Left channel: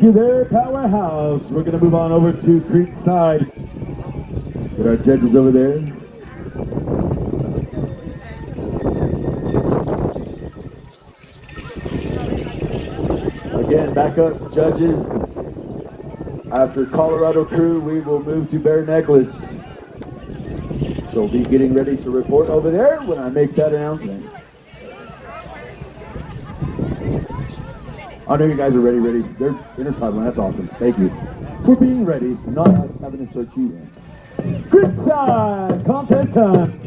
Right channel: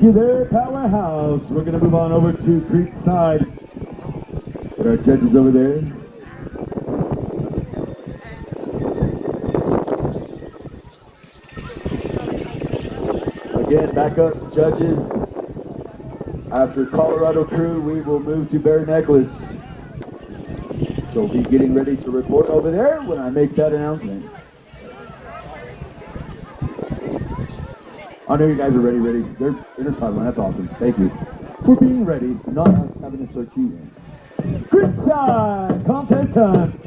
Thank you there, Powerhouse. We're going to move on over to Creekside. Get our judges over there. Again, back up, judges. After Colorado Crew, we will move to Bear Necklace. So be getting ready to report over there when I make that announcement. I know you guys are ready. They're Intertribal, that's awesome. Thank you for being ready, not us having to search you in. Creekside contest time.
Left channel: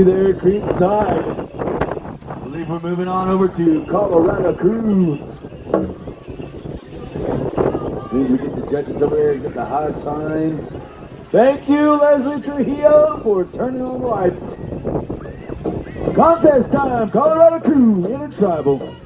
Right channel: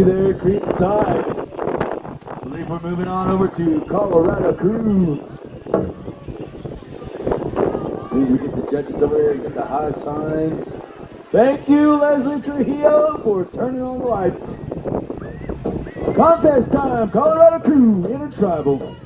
you there, Creekside. I believe we're moving on over to Colorado Crew. We get the judges over here and get the high sign. Thank you, Leslie Trujillo, for turning on the lights. Contest time, Colorado Crew, Intertribal.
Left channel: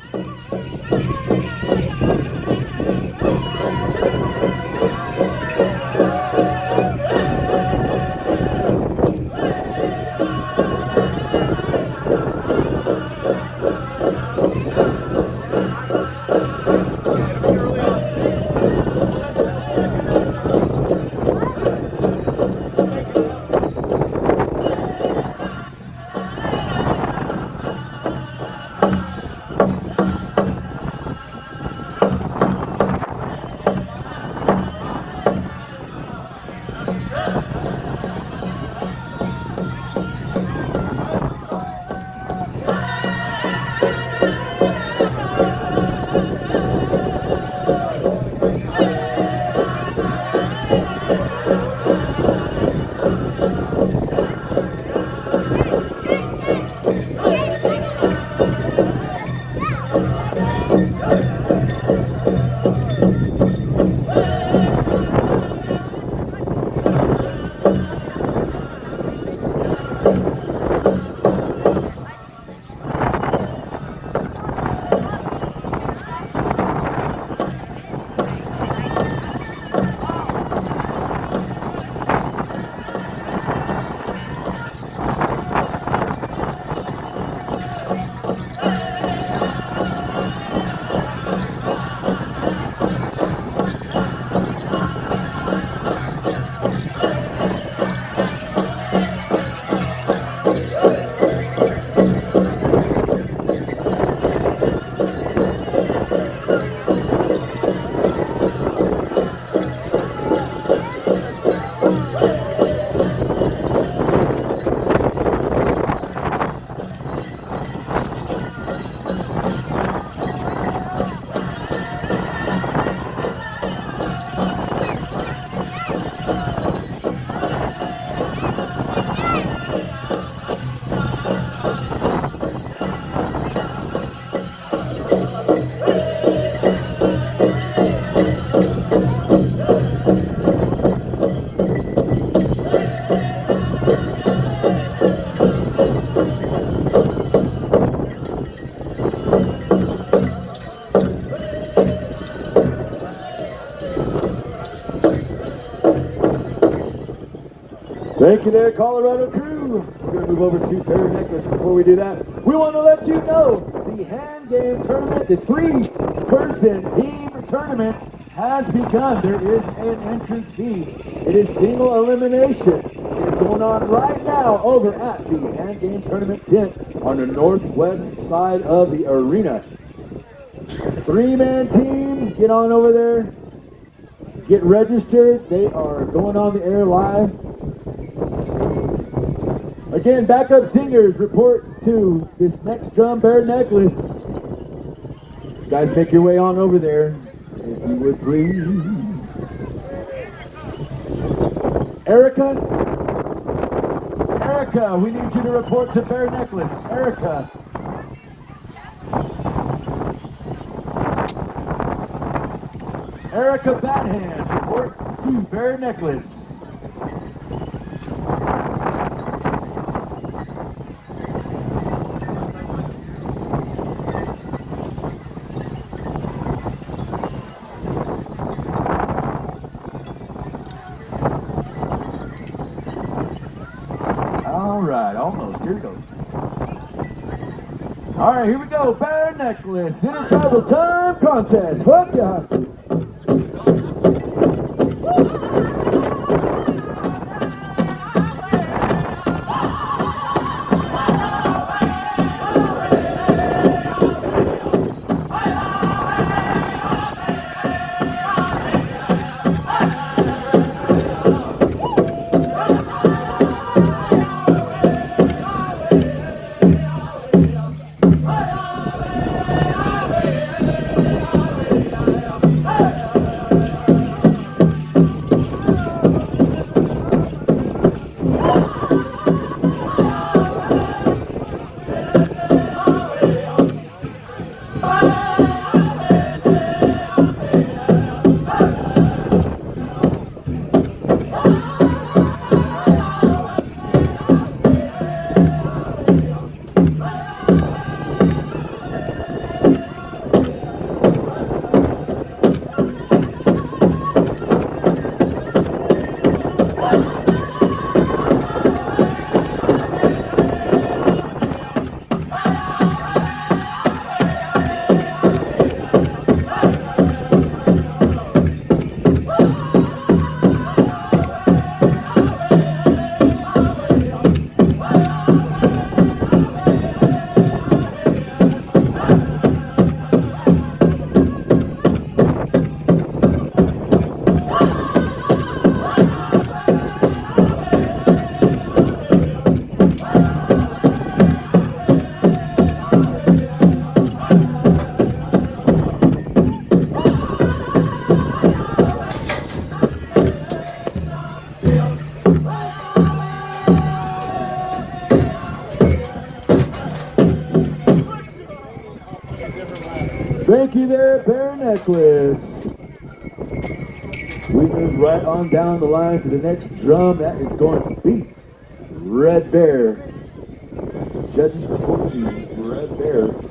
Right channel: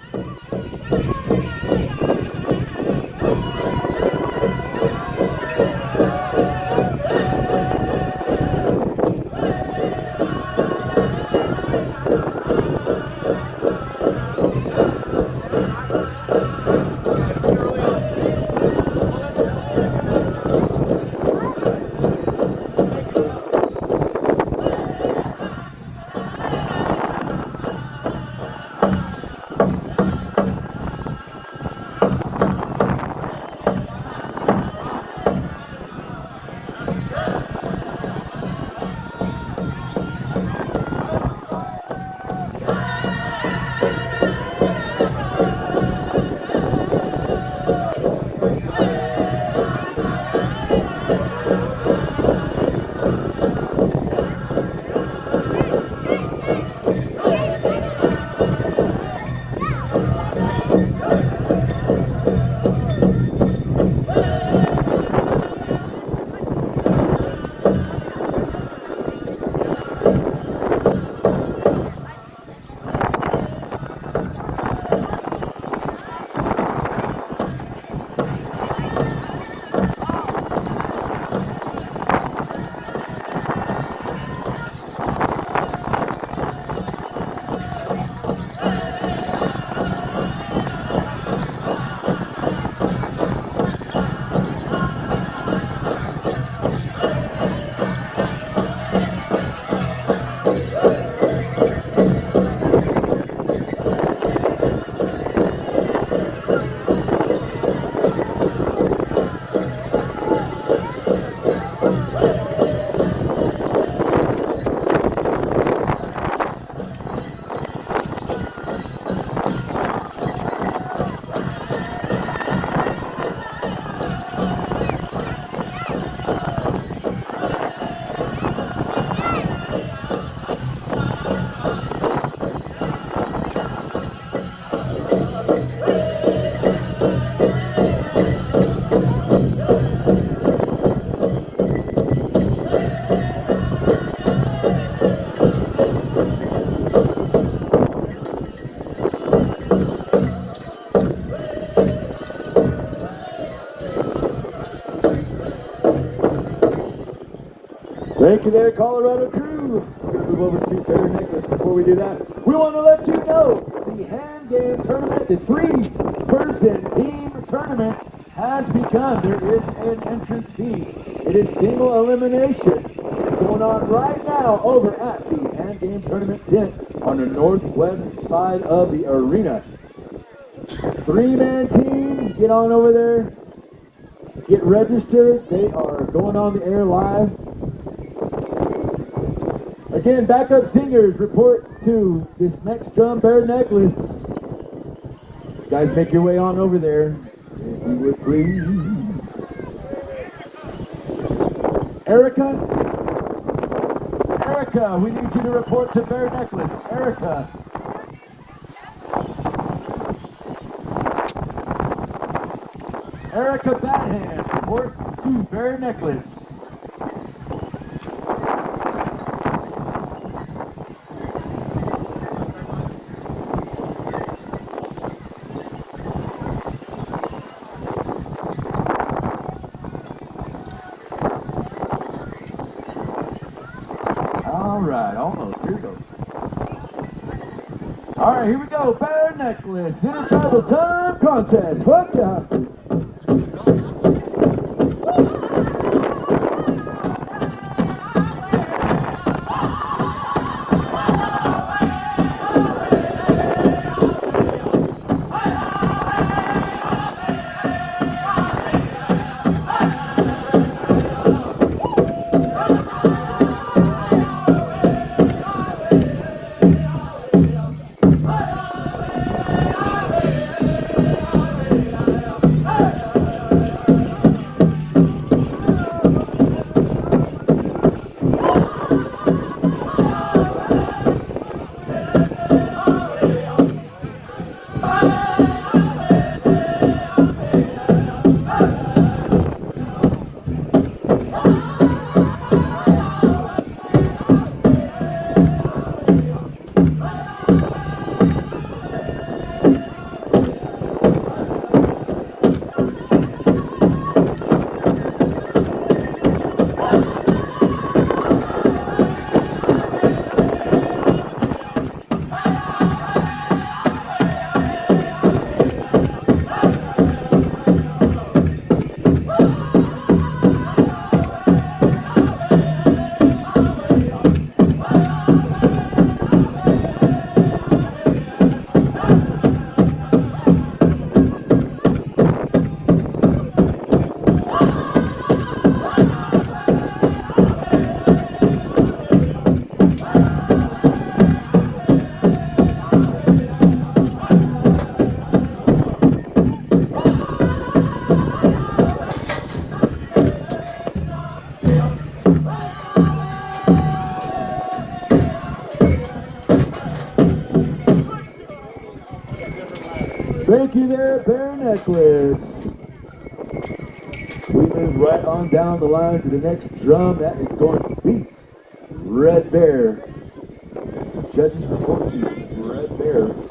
Thank you there, Colorado Crew. We're going to move over to Bear Necklace. Before we do that, we want to let you know the hand game tournament, the 3-person team tournament has begun. There is an entrance fee. It is single elimination. It's going on right now over at the hand game tournament tent on the northwest side of the arena. 3-man teams, get on over there. Get registered. They are going on the air live. Again, backup singers report to this next drum Bear Necklace. Guys, make your way on over there, if you would please. Erica, we need you to report to Bear Necklace. Erica. Erica Badhand, report to Bear Necklace. All right, here we go. Bear Necklace Intertribal Time Contest. Hook up. Thank you there, Bear Necklace. We move right on down the line to the next drum. That is going to be Red Bear. Judges report to you, Red Bear.